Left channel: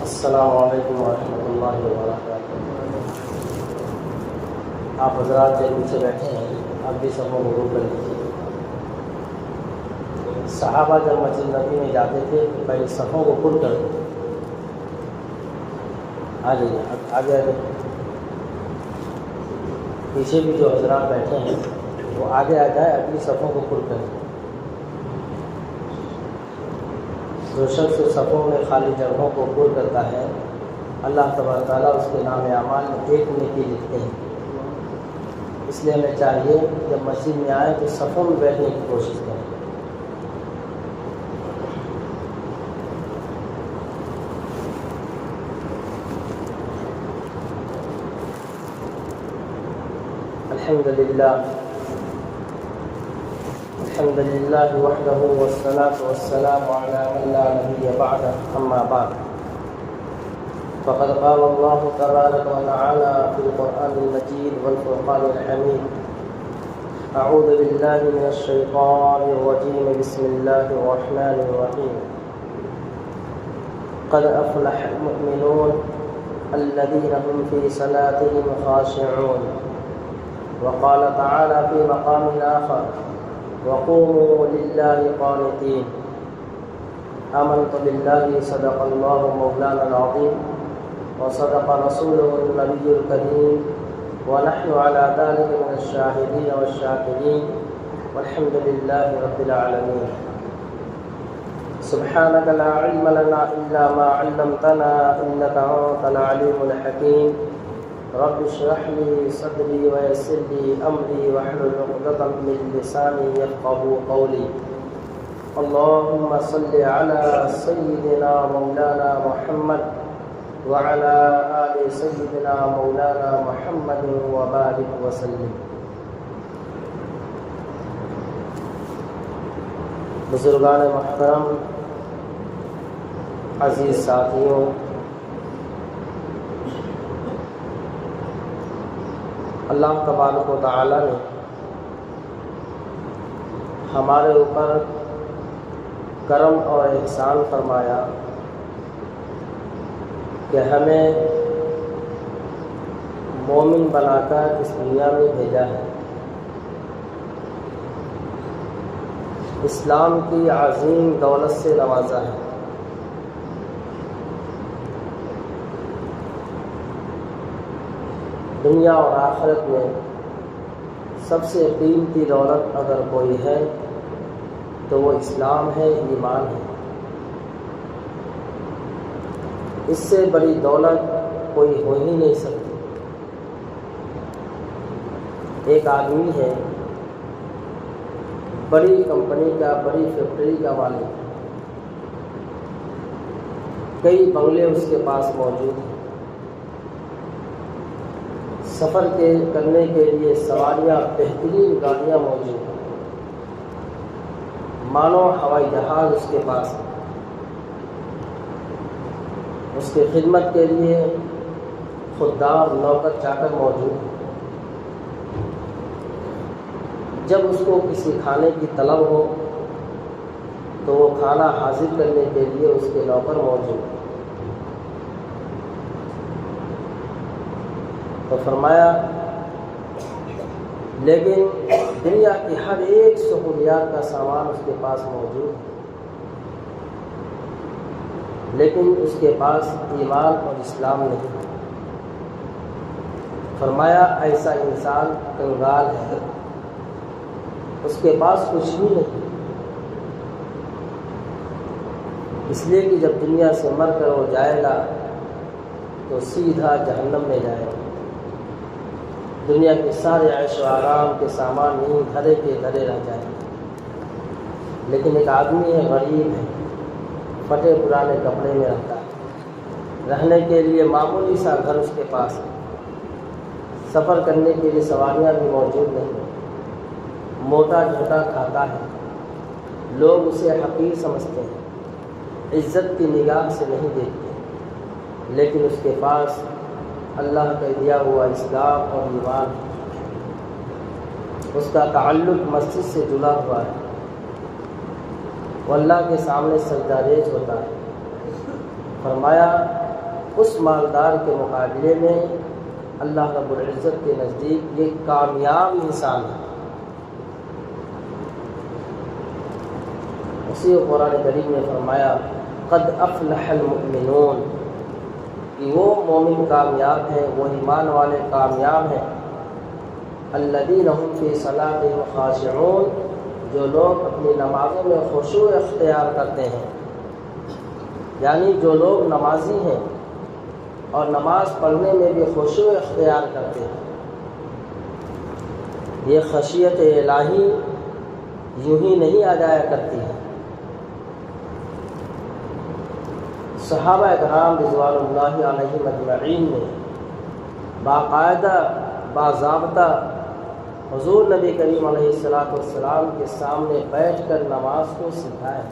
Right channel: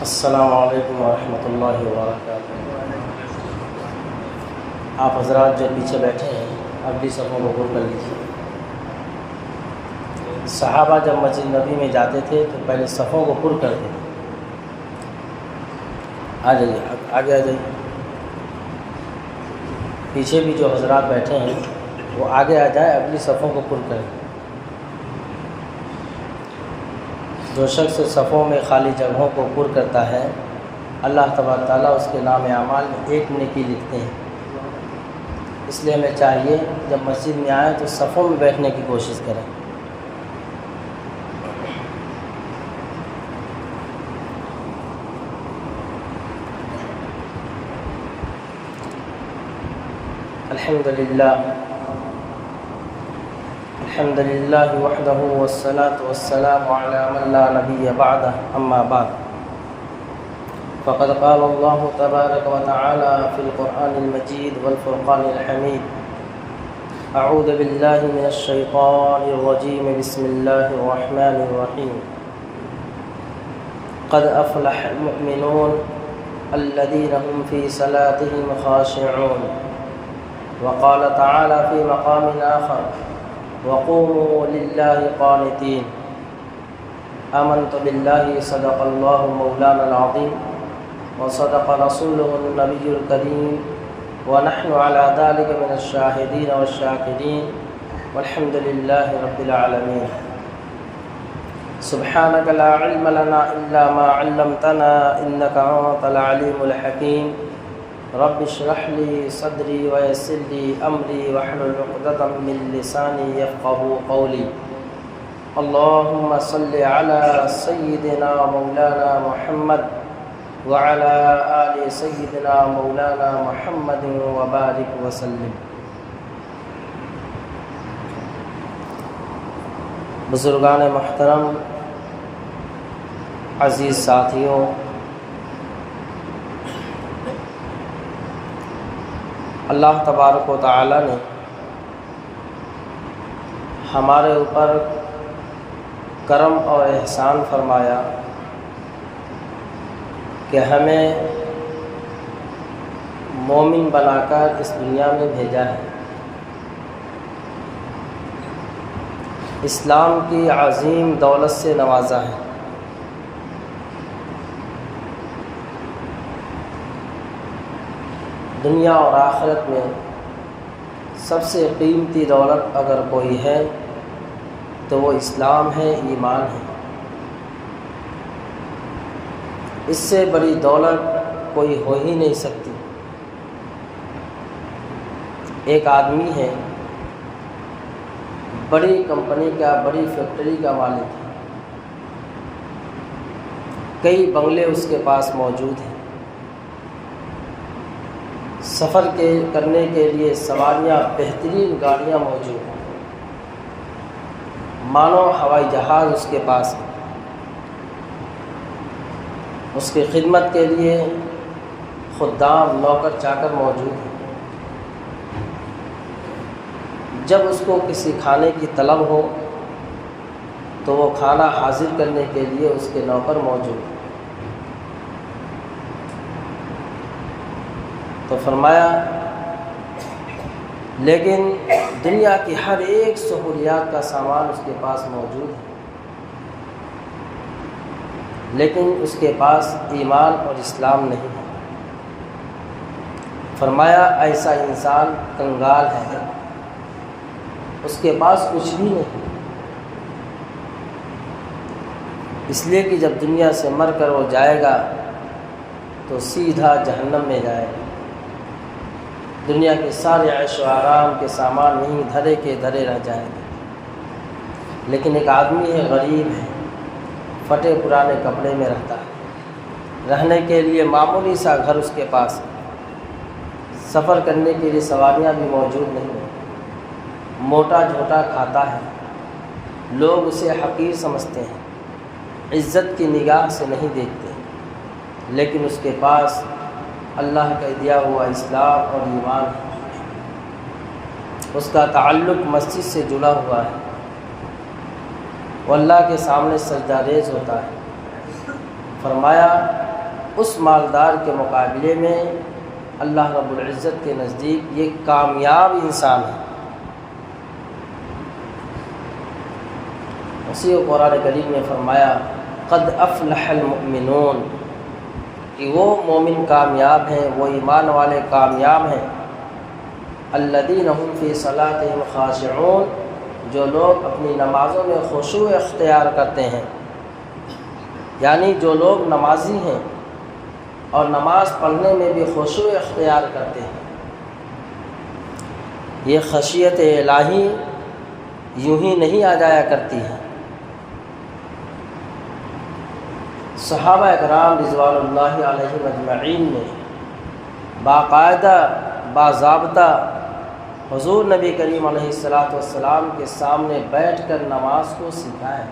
السلام علیکم ورحمۃ اللہ وبرکاتہ۔ آپ حضرات جو پیچھے بیٹھے ہیں اب بھی سب کو قبول کر لیجیے۔ صحابہ جب مسجد نبی میں جاتے تھے تو پہلے صفوں کو پر کر دیتے۔ آ جائیے، آگے آ جائیے۔ پیچھے بھی جو حضرات بیٹھے ہیں وہ آگے آ جائے، اگلی صفوں کو پر کریں۔ جو شخص صفوں میں خالی جگہوں کو پر کرتا ہے اللہ تبارک تعالیٰ اس کے نام اعمال میں ایک نیکی لکھتے ہیں۔ اس لیے ہمیں چاہیے جب مسجد میں آئیں تو صفوں میں بیٹھنے کی کوشش کریں۔ الحمد للہ وحدہ والصلاة والسلام علی من لا نبی بعدہ، اما بعد فقد قال اللہ تبارک وتعالی فی القرآن المجید والفرقان الحمید۔ اعوذ باللہ من الشیطان الرجیم، بسم اللہ الرحمن الرحیم۔ قد افلح المؤمنون الذین هم فی صلاتهم خاشعون۔ وقال تعالی فی مقام آخر، وقوموا للہ قانتین۔ آمنت باللہ صدق اللہ مولانا العظیم وصدق رسوله النبی الکریم ونحن على ذلك من الشاہدین والشاکرین والحمد للہ رب العالمین۔ سبحانک لا علم لنا الا ما علمتنا انک انت العلیم الحکیم۔ رب اشرح لي صدري ويسر لي امري واحلل عقدة من لساني يفقهوا قولي۔ اللهم صل على سيدنا مولانا محمد وعلى آل سيدنا مولانا محمد وبارك وسلم۔ بزرگان محترم، عزیز ساتھیوں، اللہ تبارک و تعالی نے ہمارے اوپر کرم اور احسان فرمایا کہ ہمیں مومن بنا کر اس دنیا میں بھیجا ہے۔ اسلام کی عظیم دولت سے نوازا ہے۔ دنیا اور آخرت میں سب سے قیمتی دولت اگر کوئی ہے تو وہ اسلام ہے، ایمان ہے۔ اس سے بڑی دولت کوئی ہو ہی نہیں سکتی۔ ایک آدمی ہے، بڑی کمپنی کا، بڑی فیکٹری کا مالک ہے، کئی بنگلے اس کے پاس موجود ہیں، سفر کرنے کے لیے سواریاں، بہترین گاڑیاں موجود ہیں، مانو ہوائی جہاز اس کے پاس ہے، اس کی خدمت کے لیے خدام، نوکر چاکر موجود ہیں۔ جب اس کو کسی کھانے کی طلب ہو تو وہ کھانا حاضر کرنے کے لیے اس کے نوکر موجود ہیں۔ تو فرمایا لیکن دنیا کی ہر ایک سہولیات کا سامان اس کے پاس موجود ہے، لیکن اس کے پاس ایمان اور اسلام نہیں ہے۔ فرمایا ایسا انسان کنگال ہے، اس کے پاس کچھ بھی نہیں، اس لیے کہ جب دنیا سے مر کر وہ جائے گا تو سیدھا جہنم میں جائے گا۔ دنیا کے سارے عیش و آرام کے سامان یہیں دھرے کے دھرے رہ جائیں گے، لیکن ایک آدمی ہے، غریب ہے، پھٹے پرانے کپڑے میں رہتا ہے، رہنے کے لیے معمولی سا گھر اس کے پاس ہے، سفر کرنے کے لیے سواریاں بھی موجود نہیں، موٹا جھوٹا کھاتا ہے، لوگ اسے حقیر سمجھتے ہیں، عزت کی نگاہ سے نہیں دیکھتے، لیکن اس کے پاس اللہ کا دیا ہوا اسلام اور ایمان ہے، اس کا تعلق مسجد سے جڑا ہوا ہے، وہ اللہ کے سامنے سجدہ ریز ہوتا ہے۔ فرمایا اس مالدار کے مقابلے میں اللہ رب العزت کے نزدیک یہ کامیاب انسان ہے۔ اسی کو قرآن کریم میں فرمایا قد افلح المؤمنون، کہ وہ مومن کامیاب ہیں، وہ ایمان والے کامیاب ہیں۔ الذین هم فی صلاتهم خاشعون، جو لوگ اپنی نمازوں میں خشوع اختیار کرتے ہیں، یعنی جو لوگ نمازی ہیں اور نماز پڑھنے میں بھی خشوع اختیار کرتے ہیں۔ یہ خشیت الہی یوں ہی نہیں آ جایا کرتی ہے۔ صحابہ کرام رضوان اللہ علیہم اجمعین نے باقاعدہ باضابطہ حضور نبی کریم علیہ السلام کے سامنے بیٹھ کر نماز کو سکھایا۔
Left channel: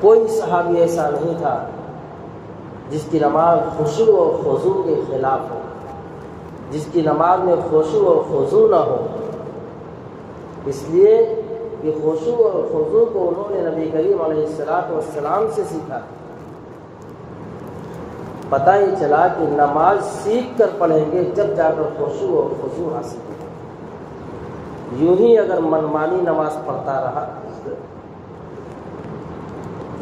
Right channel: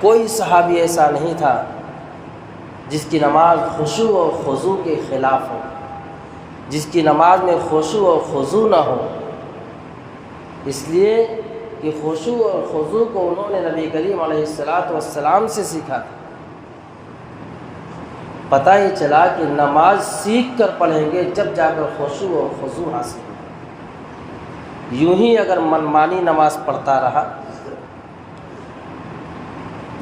کوئی صحابی ایسا نہیں تھا جس کی نماز خشوع و خضوع کے خلاف ہو، جس کی نماز میں خشوع و خضوع نہ ہو، اس لیے کہ خشوع اور خضوع کو انہوں نے نبی کریم علیہ السلام سے سیکھا تھا۔ پتہ ہی چلا کہ نماز سیکھ کر پڑھیں گے جب جا کر خشوع اور خضوع حاصل ہو۔ یوں ہی اگر منمانی نماز پڑھتا رہا،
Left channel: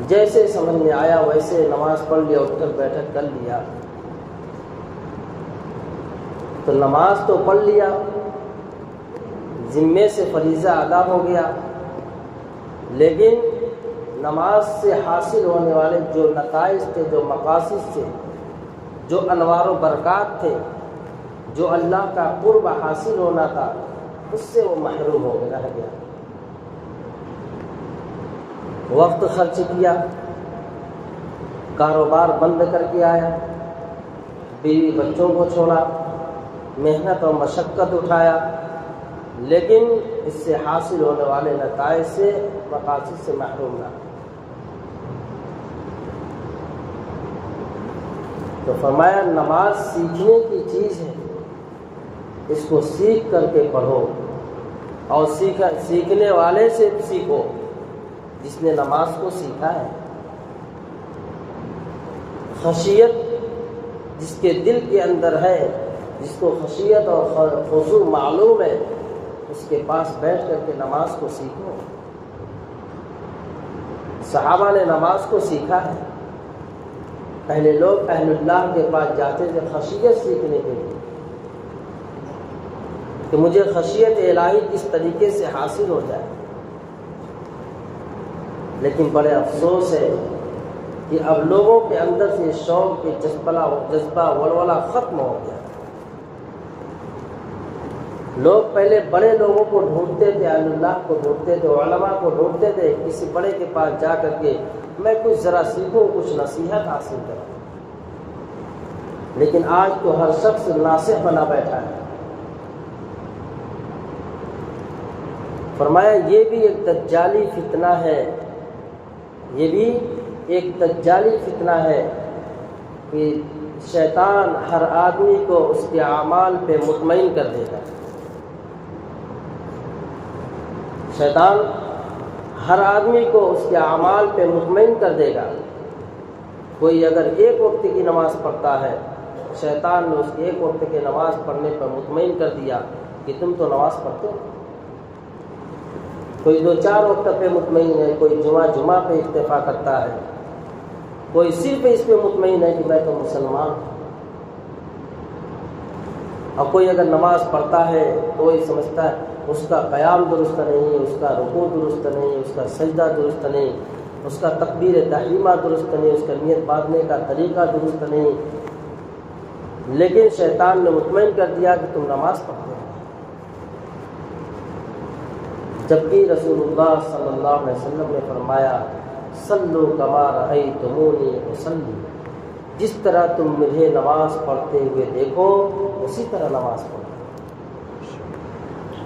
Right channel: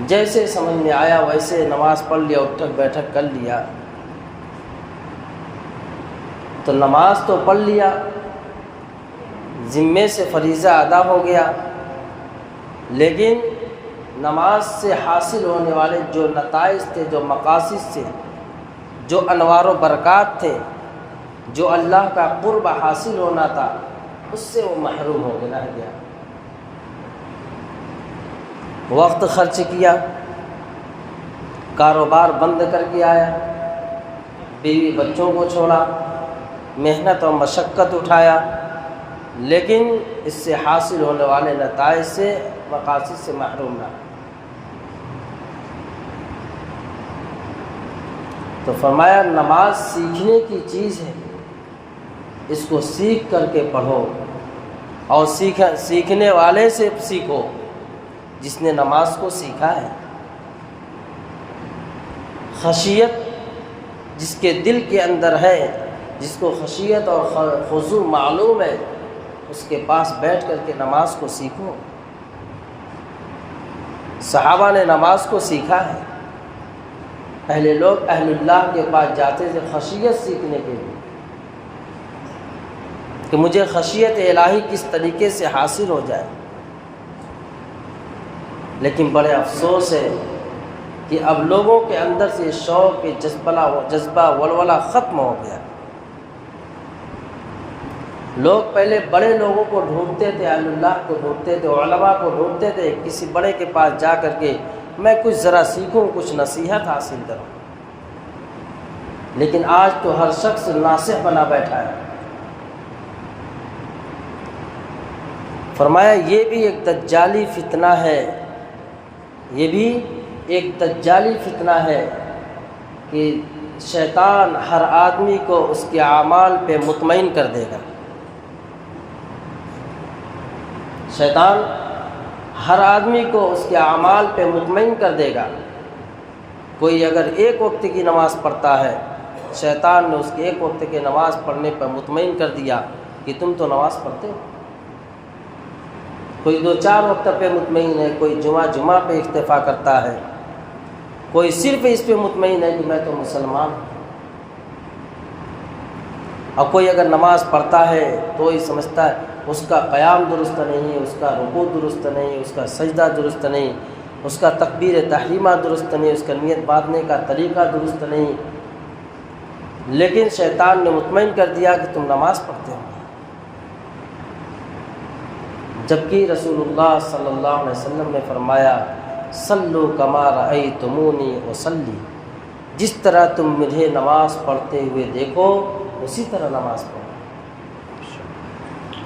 جیسے سمجھ میں آیا ویسے نماز پڑھ لیا، اٹھک بیٹھک کر لیا، تو نماز تو پڑھ لیا، ذمے سے فریضہ ادا ہو گیا، لیکن نماز سے حاصل ہونے والے جو نتائج تھے، جو مقاصد تھے، جو انوار و برکات تھے، جو اللہ کا قرب حاصل ہونا تھا، اس سے وہ محروم ہو رہ گیا۔ وقت خرچ کیا، کاروبار بند کر کے آیا، بیوی بچوں کو چھوڑا، محنت اور مشقت اٹھایا، لیکن اس سے حاصل ہونے والے نتائج سے، مقاصد سے محروم رہا۔ تو فرمایا نماز سیکھنے کی چیز ہے، اس کو سیکھ کر کے پڑھو، اور سیکھنے والے سے سیکھو جس نے نماز کو سیکھا ہے۔ خشیت جس کے دل کے اندر ہے، جس کو خشیت اور خضوع معلوم ہے، اس کے پاس بیٹھ کر کے نماز کو سیکھو۔ صحابہ نے نماز کو سیکھا ہے۔ پہلے لوگ اہل اللہ کے پاس جاتے تھے خشیت سیکھنے کے لیے، کہ مجھے خشیت الہی کس طریقے سے حاصل ہو جائے، لیکن بڑے افسوس ہے کہ اب لوگوں کے اندر سے شوق کے جذبہ ولولہ ختم ہو گیا۔ لوگ پہلے بڑے لوگوں کو ڈھونڈتے تھے، اہل اللہ کو ڈھونڈتے تھے، علماء کو ڈھونڈتے تھے، کسی بڑے کے پاس جا کر کے میں کچھ ذرا سیکھوں، کچھ نصیحت حاصل کروں، لیکن آج تو ہر شخص ناصح بنا بیٹھا ہے۔ فرمایا یہ بھی ایک دجالی فتنہ ہے، یہ بھی ایک دجالی فتنہ ہے کہ شیطان ہر آدمی کو اس کے اعمال پہ مطمئن کر دے گا۔ شیطان ہر آدمی کو اس کے اعمال پہ مطمئن کر دے گا۔ کوئی اگر ایک وقت کی نماز پڑھتا ہے، شیطان نے اس کے ایک وقت کی نماز پڑھنے پر مطمئن کر دیا کہ تم تو نماز پڑھتے ہو۔ کوئی 2-4 وقت پہ مطمئن ہے، کوئی جمعہ پہ اکتفا کرتا ہے، کوئی صرف اس پہ مطمئن ہے کہ میں تو مسلمان ہوں۔ اور کوئی اگر نماز پڑھتا ہے تو یہ سمجھتا ہے اس کا قیام درست نہیں، اس کا رکوع درست نہیں، اس کا سجدہ درست نہیں، اس کا تکبیر تحریمہ درست نہیں، اس کا نیت باندھنے کا طریقہ درست نہیں، لیکن شیطان نے مطمئن کر دیا کہ تم نماز پڑھتے ہو، جبکہ رسول اللہ صلی اللہ علیہ وسلم نے فرمایا صلو کما رأیتمونی اصلی، جس طرح تم مجھے نماز پڑھتے ہوئے دیکھو اسی طرح نماز پڑھو۔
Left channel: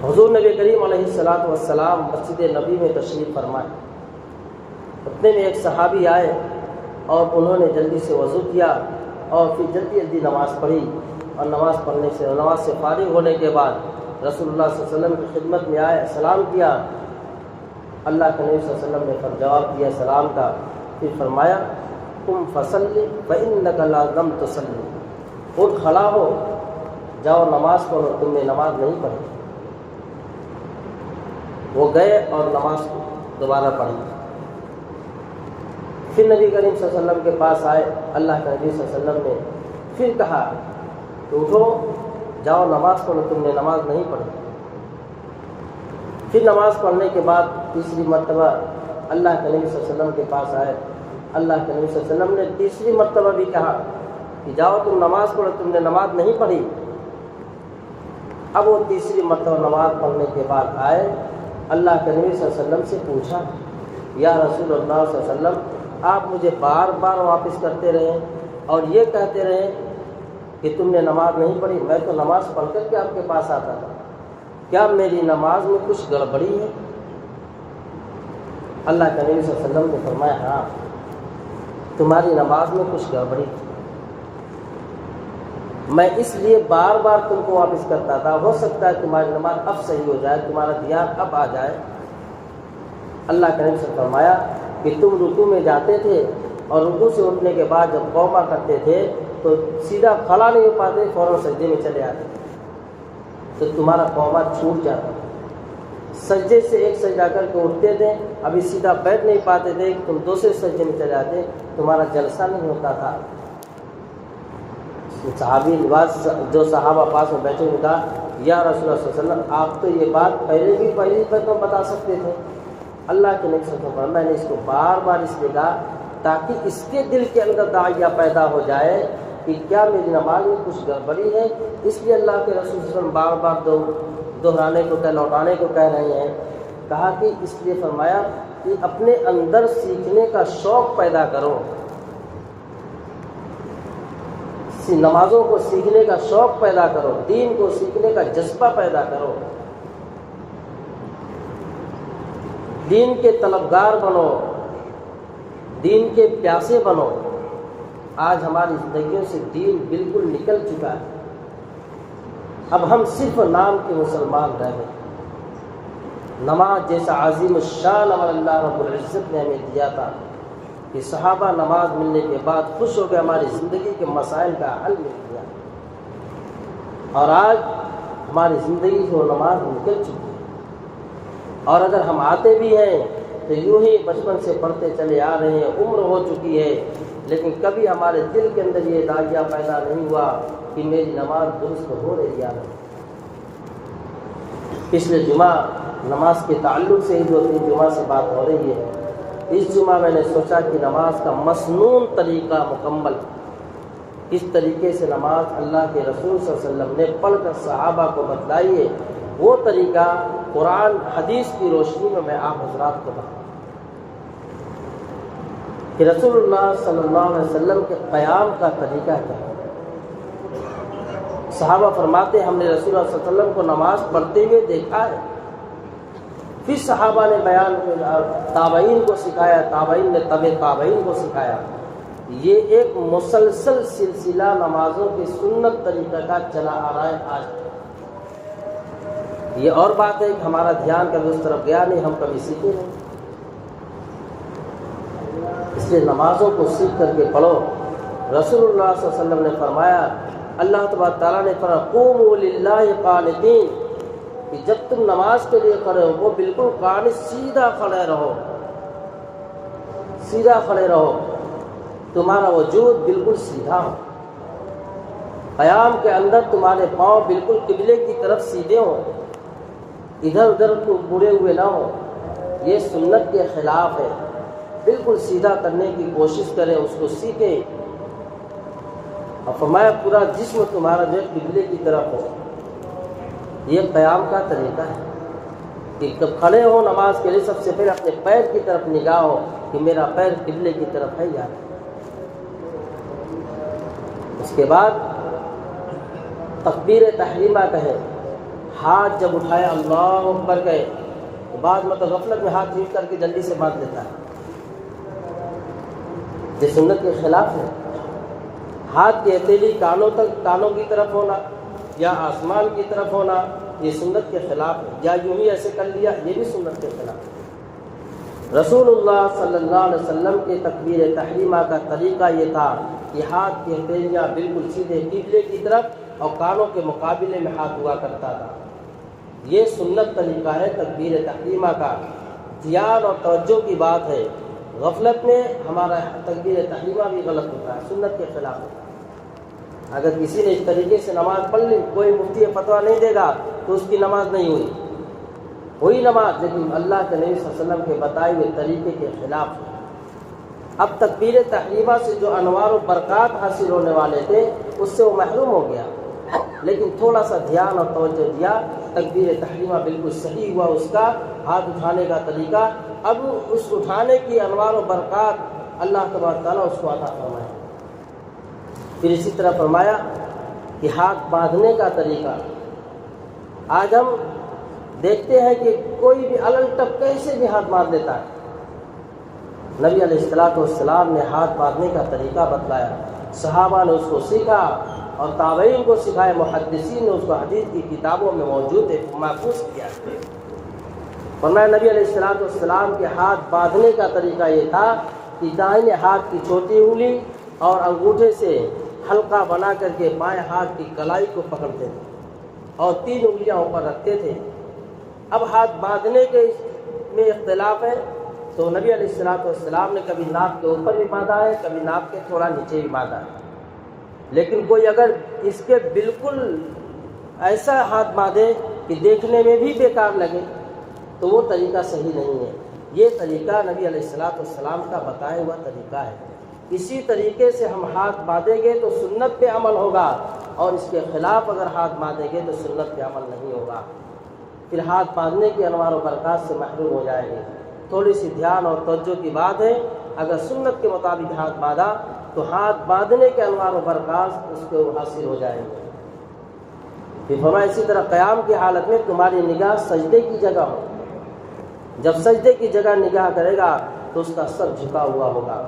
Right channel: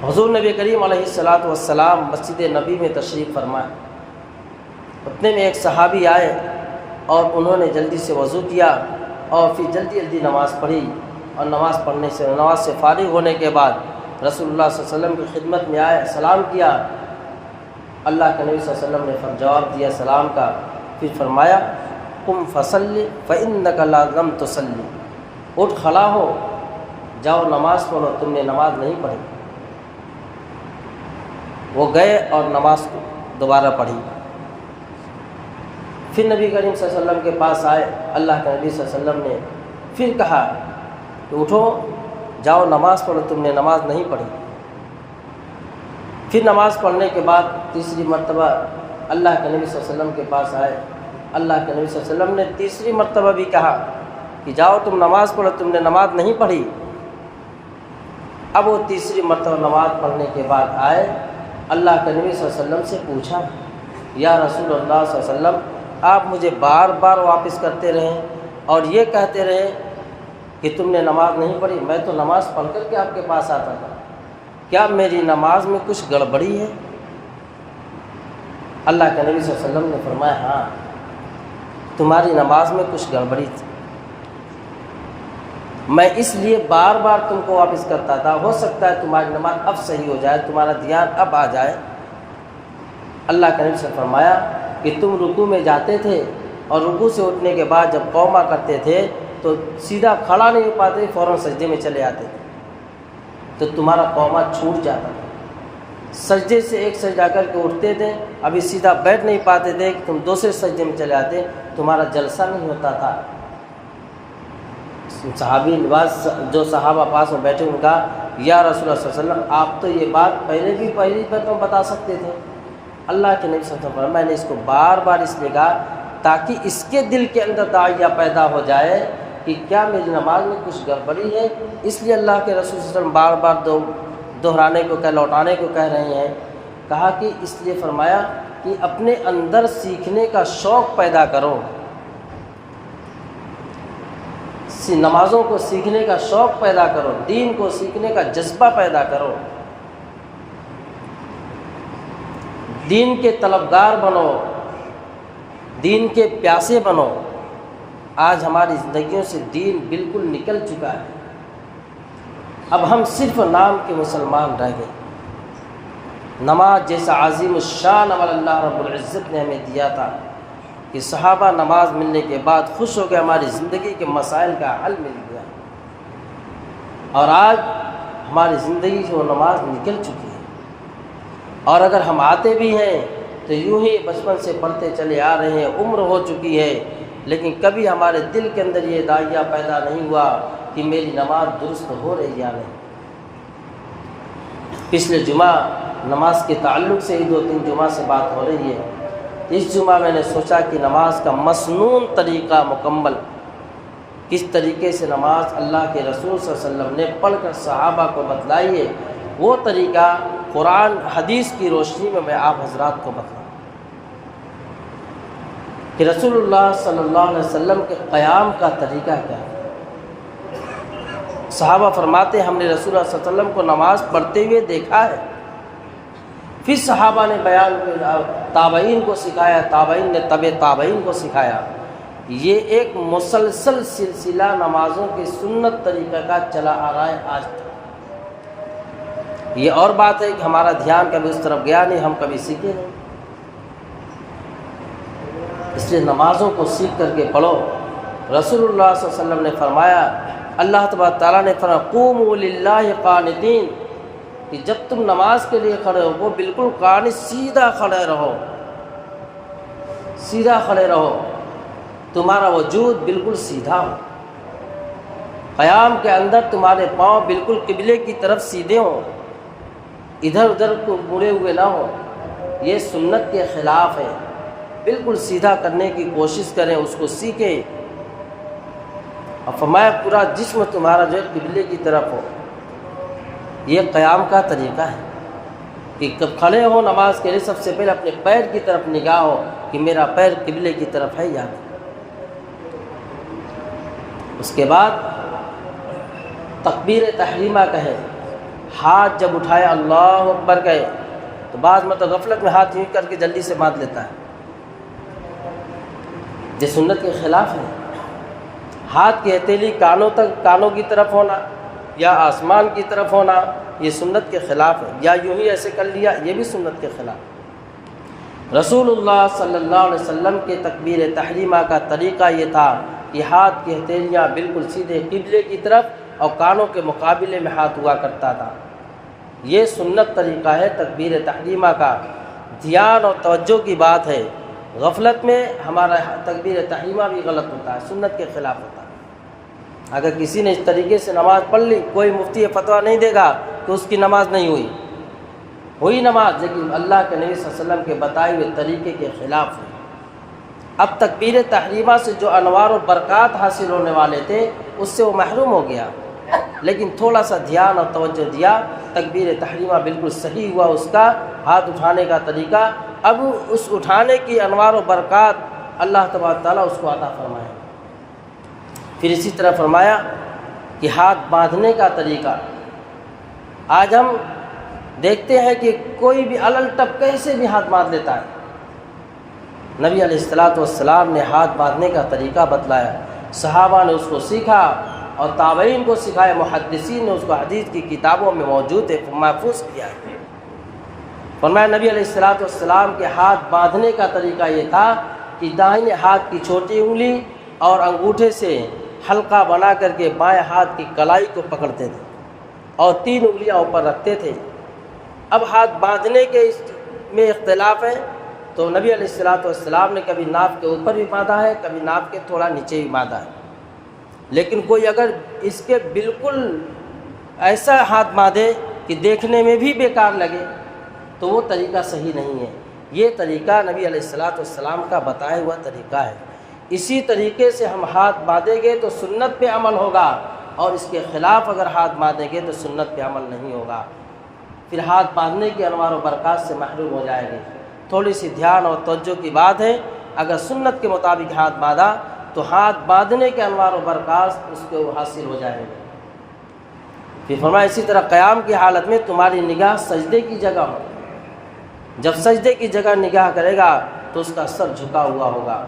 حضور نبی کریم علیہ السلام مسجد نبی میں تشریف فرمائے، اتنے میں ایک صحابی آئے اور انہوں نے جلدی سے وضو کیا اور پھر جلدی نماز پڑھی، اور نماز سے فارغ ہونے کے بعد رسول اللہ صلی اللہ علیہ وسلم کی خدمت میں آئے، سلام کیا۔ اللہ کے نبی صلی اللہ علیہ وسلم نے جواب دیا سلام کا پھر فرمایا قم فصلی فإنک لا لم تصلی، اٹھ کھڑا ہو، جاؤ نماز پڑھو، تم نے نماز نہیں پڑھی۔ وہ گئے اور نماز دوبارہ پڑھی۔ پھر نبی کریم صلی اللہ علیہ وسلم کے پاس آئے، اللہ کے نبی صلی اللہ علیہ وسلم نے پھر کہا کہ اٹھو، جاؤ نماز پڑھو، تم نے نماز نہیں پڑھی۔ پھر نماز پڑھنے کے بعد تیسری مرتبہ اللہ کے نبی صلی اللہ علیہ وسلم کے پاس آئے، اللہ کے نبی صلی اللہ علیہ وسلم نے تیسری مرتبہ بھی کہا کہ جاؤ تم نماز پڑھو، تم نے نماز نہیں پڑھی۔ اب وہ تیسری مرتبہ نماز پڑھنے کے بعد آئے، اللہ کے نبی صلی اللہ علیہ وسلم سے پوچھا، یا رسول اللہ صلی اللہ علیہ وسلم، آپ مجھے بار بار واپس کرتے رہے اور یہ کہتے رہے کہ تم نے نماز نہیں پڑھی، میں تو نماز پڑھ کر کے آپ کے پاس آتا تھا، کیا میری نماز میں کچھ گڑبڑی ہے؟ اللہ کے نبی صلی اللہ علیہ وسلم نے فرمایا، ہاں تمہاری نماز میں کچھ گڑبڑی تھی، میں اس لیے بار بار تم کو واپس کرتا تھا، ہو سکتا ہے تمہاری نماز اب صحیح ہو جائے، تمہارا دھیان اب آ جائے۔ اللہ کے نبی سے فرمایا کہ تم رکوع میں جاتے تھے اور رکوع سے اٹھنے کے بعد جب قوما کرتے تھے تو سیدھا کھڑا نہیں ہو پاتے، فوراً سجدے میں چلے آتے تھے، تو تمہارا قوما چھوٹ جاتا تھا۔ سجدے سے ایک سجدہ کر کے اٹھتے تھے، ابھی سیدھا بیٹھ نہیں پاتے تھے کہ تم دوسرے سجدے میں چلے آتے، تمہارا جلسہ نہیں ہوتا تھا۔ صحابی نواز جو صحابہ پاس میں بیٹھے ان کا، یا رسول اللہ صلی اللہ علیہ وسلم، آپ تو یہ بات پہلی بار تو بتا سکتے تھے۔ اللہ کے نبی صلی اللہ علیہ وسلم، میں نے اس کو بار بار اس لیے کہا تاکہ اس کے دل کے اندر داعیہ پیدا ہو جائے کہ کیا میری نماز میں کچھ گڑبڑی ہے، اس لیے اللہ کے رسول صلی اللہ علیہ وسلم بار بار دہرانے کو لوٹانے کو کہہ رہے ہیں۔ کہا کہ اس لیے فرمایا کہ اپنے اندر سیکھنے کا شوق پیدا کرو، نمازوں کو سیکھنے کا شوق پیدا کرو، دین کو سیکھنے کا جذبہ پیدا کرو، دین کے طلبگار بنو، دین کے پیاسے بنو۔ آج ہماری زندگیوں سے دین بالکل نکل چکا ہے، اب ہم صرف نام کے مسلمان رہ گئے۔ نماز جیسا عظیم الشان عمل اللہ رب العزت نے ہمیں دیا تھا کہ صحابہ نماز ملنے کے بعد خوش ہو کے ہماری زندگی کے مسائل کا حل مل گیا، اور آج ہماری زندگی سے وہ نماز نکل چکی ہے، اور اگر ہم آتے بھی ہیں تو یوں ہی بچپن سے پڑھتے چلے آ رہے ہیں، عمر ہو چکی ہے، لیکن کبھی ہمارے دل کے اندر یہ داعیہ پیدا نہیں ہوا کہ میری نماز درست ہو رہی یا نہیں۔ پچھلے جمعہ نماز کے تعلق سے ہی 2-3 جمعہ سے بات ہو رہی ہے۔ اس جمعہ میں نے سوچا کہ نماز کا مسنون طریقہ مکمل، کس طریقے سے نماز اللہ کے رسول صلی اللہ علیہ وسلم نے پڑھ کر صحابہ کو بتلائی ہے، وہ طریقہ قرآن حدیث کی روشنی میں آپ حضرات کو بتاؤں کہ رسول اللہ صلی اللہ علیہ وسلم کے قیام کا طریقہ کیا ہے۔ صحابہ فرماتے ہیں ہم نے رسول اللہ صلی اللہ علیہ وسلم کو نماز پڑھتے ہوئے دیکھا ہے، پھر صحابہ نے بیان تابعین کو سکھایا، تابعین نے تابعین کو سکھایا۔ یہ ایک مسلسل سلسلہ نمازوں کے سنت طریقہ کا چلا آ رہا ہے آج تک۔ یہ اور بات ہے کہ ہمارا دھیان کبھی اس طرف گیا نہیں، ہم کبھی سیکھے نہیں، اس لیے نمازوں کو سیکھ کر کے پڑھو۔ رسول اللہ صلی اللہ علیہ وسلم نے فرمایا، اللہ تبارک تعالیٰ نے فرمایا قوموا للہ قانتین، کہ جب تم نماز کے لیے کھڑے ہو وہ بالکل قانت، سیدھا کھڑے رہو، سیدھا کھڑے رہو، تمہارا وجود بالکل سیدھا ہو، قیام کے اندر تمہارے پاؤں بالکل قبلے کی طرف سیدھے ہوں، ادھر ادھر کو مڑے ہوئے نہ ہو، یہ سنت کے خلاف ہے۔ بالکل سیدھا کرنے کی کوشش کریں، اس کو سیکھیں، اور فرمایا پورا جسم تمہارا جو ہے قبلے کی طرف ہو۔ یہ قیام کا طریقہ ہے کہ جب کھڑے ہو نماز کے لیے سب سے پہلے اپنے پیر کی طرف نگاہ ہو کہ میرا پیر قبلے کی طرف ہے یا نہیں۔ اس کے بعد تکبیر تحریمہ کہے، ہاتھ جب اٹھائے اللہ اکبر کہے، تو بعض غفلت میں ہاتھ یوں کر کے جلدی سے باندھ لیتا ہے، یہ سنت کے خلاف ہے۔ ہاتھ کی ہتھیلی کانوں تک، کانوں کی طرف ہونا یا آسمان کی طرف ہونا، یہ سنت کے خلاف ہے، یا یوں ہی ایسے کر لیا، یہ بھی سنت کے خلاف ہے۔ رسول اللہ صلی اللہ علیہ وسلم کے تکبیر تحریمہ کا طریقہ یہ تھا کہ ہاتھ کی ہتھیلیاں بالکل سیدھے قبلے کی طرف اور کانوں کے مقابلے میں ہاتھ ہوا کرتا تھا۔ یہ سنت طریقہ ہے تکبیر تحریمہ کا، دھیان اور توجہ کی بات ہے۔ غفلت میں ہمارا تکبیر تحریمہ بھی غلط ہوتا ہے، سنت کے خلاف ہوتا ہے۔ اگر کسی نے اس طریقے سے نماز پڑھ لی، کوئی مفتی فتویٰ نہیں دے گا کہ اس کی نماز نہیں ہوئی نماز، لیکن اللہ کے نبی صلی اللہ علیہ وسلم کے بتائے ہوئے طریقے کے خلاف ہے۔ اب تکبیر تحریمہ سے جو انوار و برکات حاصل ہونے والے تھے اس سے وہ محروم ہو گیا، لیکن تھوڑا سا دھیان اور توجہ دیا، تکبیر تحریمہ بالکل صحیح ہوا اس کا ہاتھ اٹھانے کا طریقہ۔ اب اس اٹھانے کی انوار و برکات اللہ تبارک تعالیٰ اس کو عطا فرمایا۔ پھر اسی طرح فرمایا کہ ہاتھ باندھنے کا طریقہ۔ آج ہم دیکھتے ہیں کہ کوئی بھی الل ٹپ کیسے بھی ہاتھ باندھ لیتا ہے۔ نبی علیہ السلام نے ہاتھ باندھنے کا طریقہ بتلایا، صحابہ نے اس کو سیکھا اور تابعین کو سکھایا، محدثین نے اس کو حدیث کی کتابوں میں موجود ہے، محفوظ کیا۔ فرمایا نبی علیہ السلام کے ہاتھ باندھنے کا طریقہ یہ تھا کہ دائیں ہاتھ کی چھوٹی انگلی اور انگوٹھے سے حلقہ بنا کر کے بائیں ہاتھ کی کلائی کو پکڑتے تھے اور 3 انگلیاں اوپر رکھتے تھے۔ اب ہاتھ باندھنے کے میں اختلاف ہے، تو نبی علیہ السلام نے کبھی ناف کے اوپر بھی باندھا ہے، کبھی ناف کے تھوڑا نیچے بھی باندھا ہے۔ لیکن کوئی اگر اس کے بالکل ایسا ہاتھ باندھے کہ دیکھنے میں بھی بیکار لگے تو وہ طریقہ صحیح نہیں ہے۔ یہ طریقہ نبی علیہ السلام کا بتایا ہوا طریقہ ہے۔ اسی طریقے سے ہم ہاتھ باندھیں گے تو سنت پہ عمل ہوگا، اور اس کے خلاف اگر ہاتھ باندھیں گے تو سنت پہ عمل نہیں ہوگا۔ پھر ہاتھ باندھنے کی انوار و برکات سے محروم ہو جائے گی۔ تھوڑی سی دھیان اور توجہ کی بات ہے، اگر سنت کے مطابق ہاتھ باندھا تو ہاتھ باندھنے کے انوار و برکات اس کو حاصل ہو جائیں گے۔ پھر فرمایا اسی طرح قیام کی حالت میں تمہاری نگاہ سجدے کی جگہ ہو۔ جب سجدے کی جگہ نگاہ کرے گا تو اس کا سر جھکا ہوا ہوگا۔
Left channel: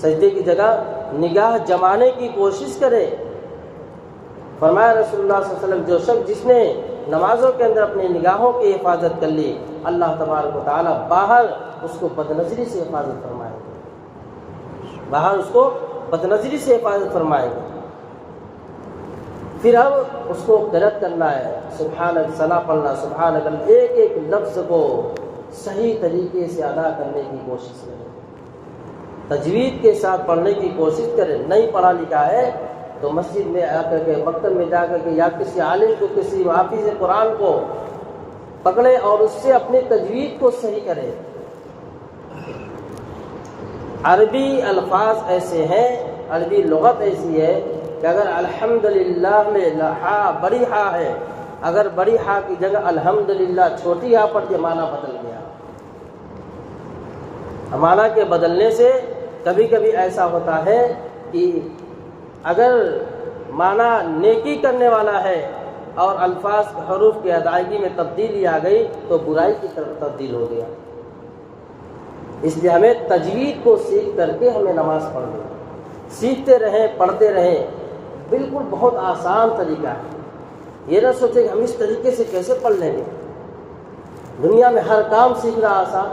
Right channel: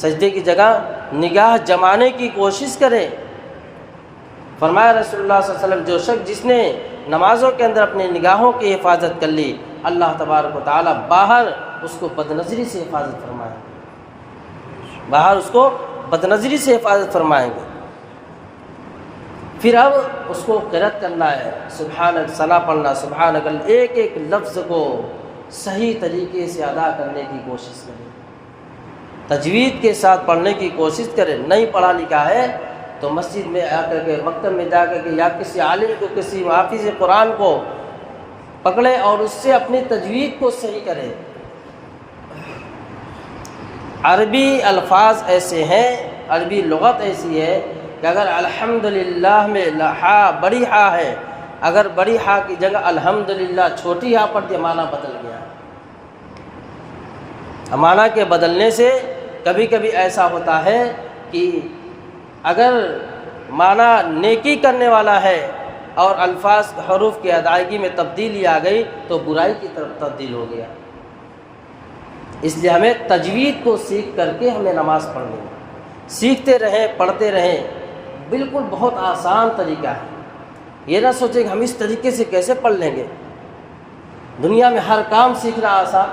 سجدے کی جگہ نگاہ جمانے کی کوشش کرے۔ فرمایا رسول اللہ صلی اللہ علیہ وسلم، جو شخص جس نے نمازوں کے اندر اپنی نگاہوں کی حفاظت کر لی، اللہ تبارک و تعالیٰ باہر اس کو بدنظری سے حفاظت فرمائے گا، باہر اس کو بدنظری سے حفاظت فرمائے گا۔ پھر اب اس کو قرأت کرنا ہے، سبحانک، ثنا پڑھنا، سبحانک، ایک ایک لفظ کو صحیح طریقے سے ادا کرنے کی کوشش کریں، تجوید کے ساتھ پڑھنے کی کوشش کریں۔ نہیں پڑھا لکھا ہے تو مسجد میں آ کر کے، مکتب میں جا کر کے، یا کسی عالم کو، کسی حافظ قرآن کو پکڑے اور اس سے اپنی تجوید کو صحیح کرے۔ عربی الفاظ ایسے ہیں، عربی لغت ایسی ہے کہ اگر الحمدللہ میں ہا بڑی ہا ہے، اگر بڑی ہا کی جگہ الحمدللہ چھوٹی ہا پڑتی، معنی بدل گیا۔ معنی کے بدلنے سے کبھی کبھی ایسا ہوتا ہے کہ اگر معنی نیکی کرنے والا ہے اور الفاظ حروف کی ادائیگی میں تبدیلی آ گئی تو برائی کی طرف تبدیل ہو گیا۔ اس لیے ہمیں تجوید کو سیکھ کر کے ہمیں نماز پڑھنی ہے، سیکھتے رہیں، پڑھتے رہیں۔ بالکل بہت آسان طریقہ ہے، یہ نہ سوچیں کہ ہم اس طریقے سے کیسے پڑھ لیں گے۔ دنیا میں ہر کام سیکھنا آسان،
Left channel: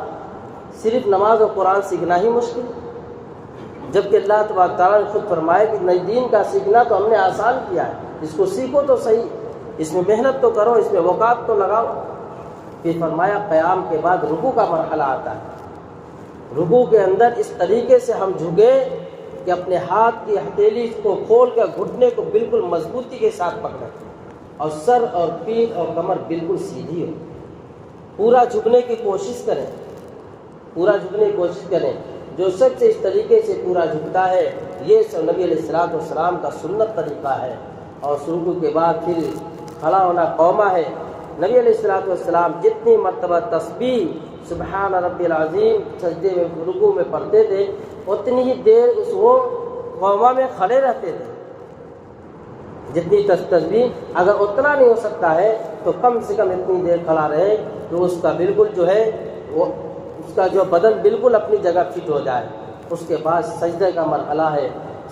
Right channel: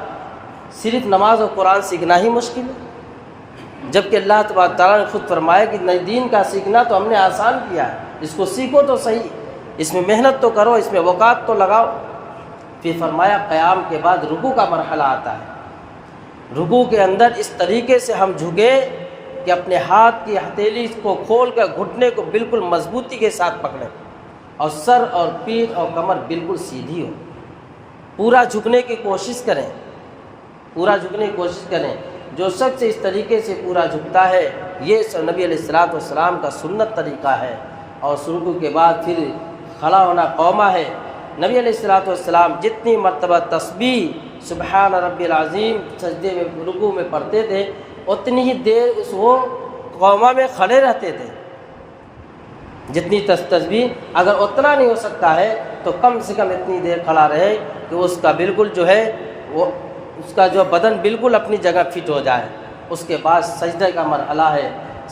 صرف نماز اور قرآن سیکھنا ہی مشکل، جبکہ اللہ تبارک تعالیٰ نے خود فرمایا کہ نئے دین کا سیکھنا تو ہم نے آسان کیا ہے، اس کو سیکھو تو صحیح، اس میں محنت تو کرو، اس میں اوقات تو لگاؤ۔ پھر فرمایا قیام کے بعد رکوع کا مرحلہ آتا ہے۔ رکوع کے اندر اس طریقے سے ہم جھکے کہ اپنے ہاتھ کی ہتھیلی کو کھول کر گھٹنے کو بالکل مضبوطی کے ساتھ پکڑیں اور سر اور پیٹھ اور کمر بالکل سیدھی ہو، پورا جھکنے کی کوشش کریں، پورا جھکنے کی کوشش کریں۔ جو شخص اس طریقے سے پورا جھکتا ہے، یہ نبی علیہ السلام کا سنت طریقہ ہے۔ اور رکوع کے بعد پھر کھڑا ہونا قومہ ہے۔ نبی علیہ السلام جتنی مرتبہ تسبیح سبحان ربی العظیم سجدے میں، رکوع میں پڑھتے تھے، اتنی ہی دیر وہ قومہ میں کھڑے رہتے تھے۔ جتنی تسبیح، اگر اتنا نہیں ہو سکتا ہے تو کم سے کم اتنی دیر کھڑا رہے کہ اس کا بالکل جو ہے وہ اس کا جو بدن بالکل اپنی جگہ فٹ ہو جائے۔ اس کے بعد سجدے کا مرحلہ ہے۔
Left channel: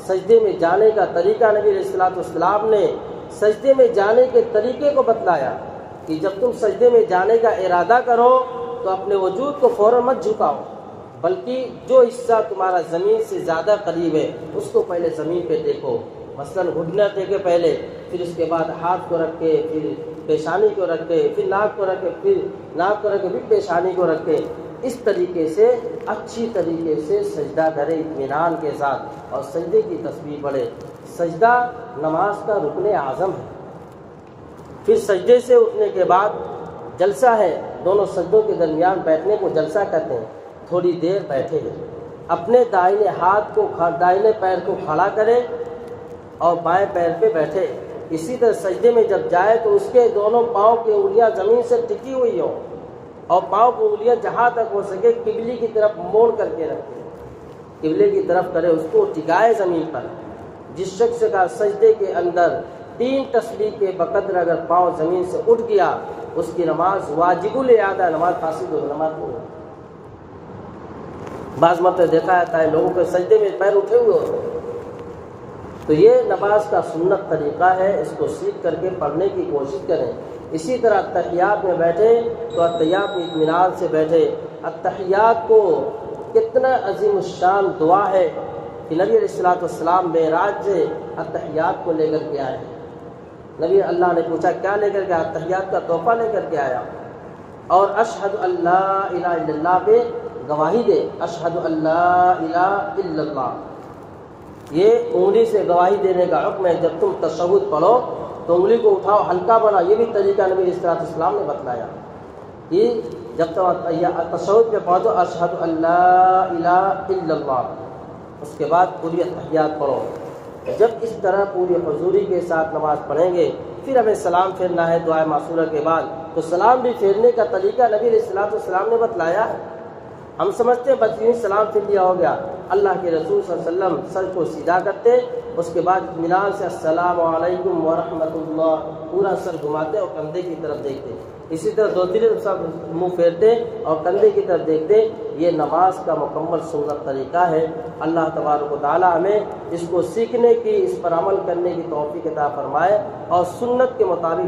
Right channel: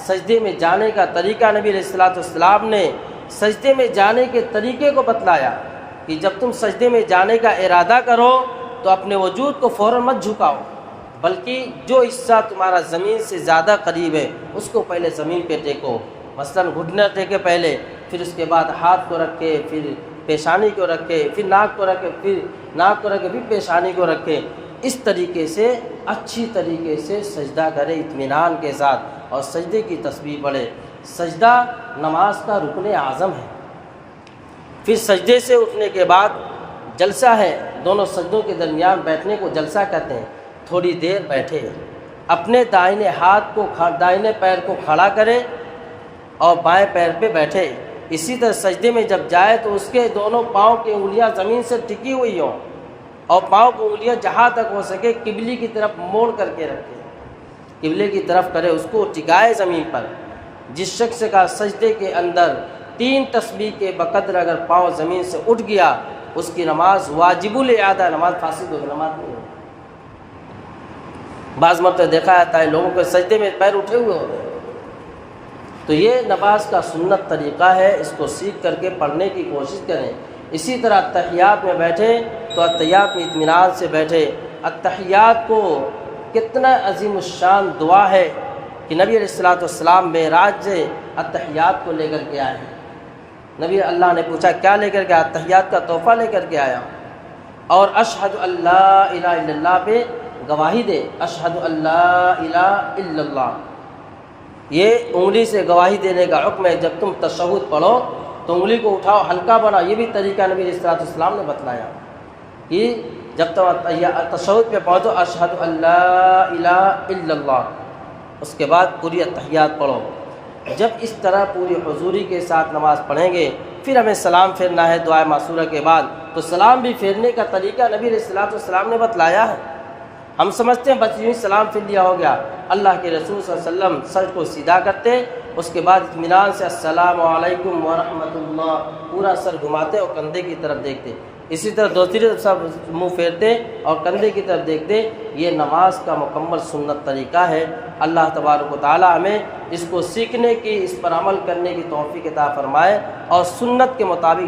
سجدے میں جانے کا طریقہ نبی علیہ السلام نے سجدے میں جانے کے طریقے کو بتلایا کہ جب تم سجدے میں جانے کا ارادہ کرو تو تو اپنے وجود کو فوراً مت جھکاؤ، بلکہ جو حصہ تمہارا زمین سے زیادہ قریب ہے اس کو پہلے زمین پہ ٹیکو، مثلاً گھٹنا ٹیکے پہلے، پھر اس کے بعد ہاتھ کو رکھ کے، پھر پیشانی کو رکھ کے، پھر ناک کو رکھ کے، پھر ناک کو رکھ کے، پھر پیشانی کو رکھ کے، اس طریقے سے اچھی طریقے سے سجدہ کرے اطمینان کے ساتھ، اور سجدے کی تسبیح پڑھے۔ سجدہ نماز کا رکن اعظم ہے۔ پھر سجدے سے اٹھنے کے بعد جلسہ ہے، دونوں سجدوں کے درمیان بیٹھنے کو جلسہ کہتے ہیں۔ تھوڑی دیر بیٹھے، اپنے دائیں ہاتھ کو دائیں پیر کو کھڑا کرے اور بائیں پیر پہ بیٹھے۔ اسی طرح سجدے میں جب جائے تو اس کے دونوں پاؤں کی انگلیاں زمین سے ٹکی ہوئی ہوں، اور پاؤں کی انگلیاں جہاں تک ہو سکے قبلے کی طرف موڑ کر کے رکھے، قبلے کی طرف کرے، اس کو ٹکائے زمین پر۔ جس شخص کا سجدے کے اندر 3 تسبیح کے بقدر اگر پاؤں زمین سے اٹھ گیا، اس کی نماز واجب الاعادہ، نماز فاسد ہو، نماز نہیں ہو۔ بعض مرتبہ دیکھا جاتا ہے لوگوں کے سجدے میں پیر اٹھے ہوئے ہوتے ہیں، تو یہ نماز کا سنت طریقہ ہے، اس کو سیکھ کر کے پڑھنے کی کوشش کریں۔ اسی طرح اتحیات میں بیٹھے تو اتحیات میں اطمینان سے بیٹھے۔ اتحیات کو کتنا عظیم الشان دعا ہے کہ نبی علیہ الصلوۃ والسلام معراج سے اتحیات کو لے کر کے آئے ہیں۔ نبی اللہ نے پوچھا کیا لے کر کے آیا؟ اتحیات کا تحفہ لے کر کے آیا، اور اشہد اللہ الہ الا اللہ پہ گواہی دے، اشہد اللہ الہ الا اللہ، یہ انگلی سے گواہی دینے کا حکم ہے۔ جب تم تشہد پڑھو تو انگلی کو اٹھاؤ، ہلکا بنا، یہ بھی طریقہ نبی علیہ الصلوۃ والسلام نے بتلایا کہ جب تم تشہد پہ پہنچو اشہد اللہ الہ الا اللہ، اس کے بعد پوری اتحیات پڑھو۔ جب اس طرح پوری حضوری کے ساتھ نماز پڑھیں گے، پھر ہمیں سلام پھیرنا ہے دعائے معصورہ کے بعد، تو سلام بھی پھیرنے کا طریقہ نبی علیہ الصلوۃ والسلام نے بتلایا ہے۔ ہم سمجھتے ہیں بس یوں سلام پھیر لیا ہو گیا، اللہ کے رسول صلی اللہ علیہ وسلم سر کو سیدھا کرتے، اس کے بعد اطمینان سے السلام علیکم ورحمۃ اللہ پورا سر گھماتے اور کندھے کی طرف دیکھتے، اسی طرح دوسری طرف منہ پھیرتے اور کندھے کی طرف دیکھتے۔ یہ نماز کا مکمل سنت طریقہ ہے۔ اللہ تبارک و تعالی ہمیں اس کو سیکھنے کی، اس پر عمل کرنے کی توفیق عطا فرمائے اور سنت کے مطابق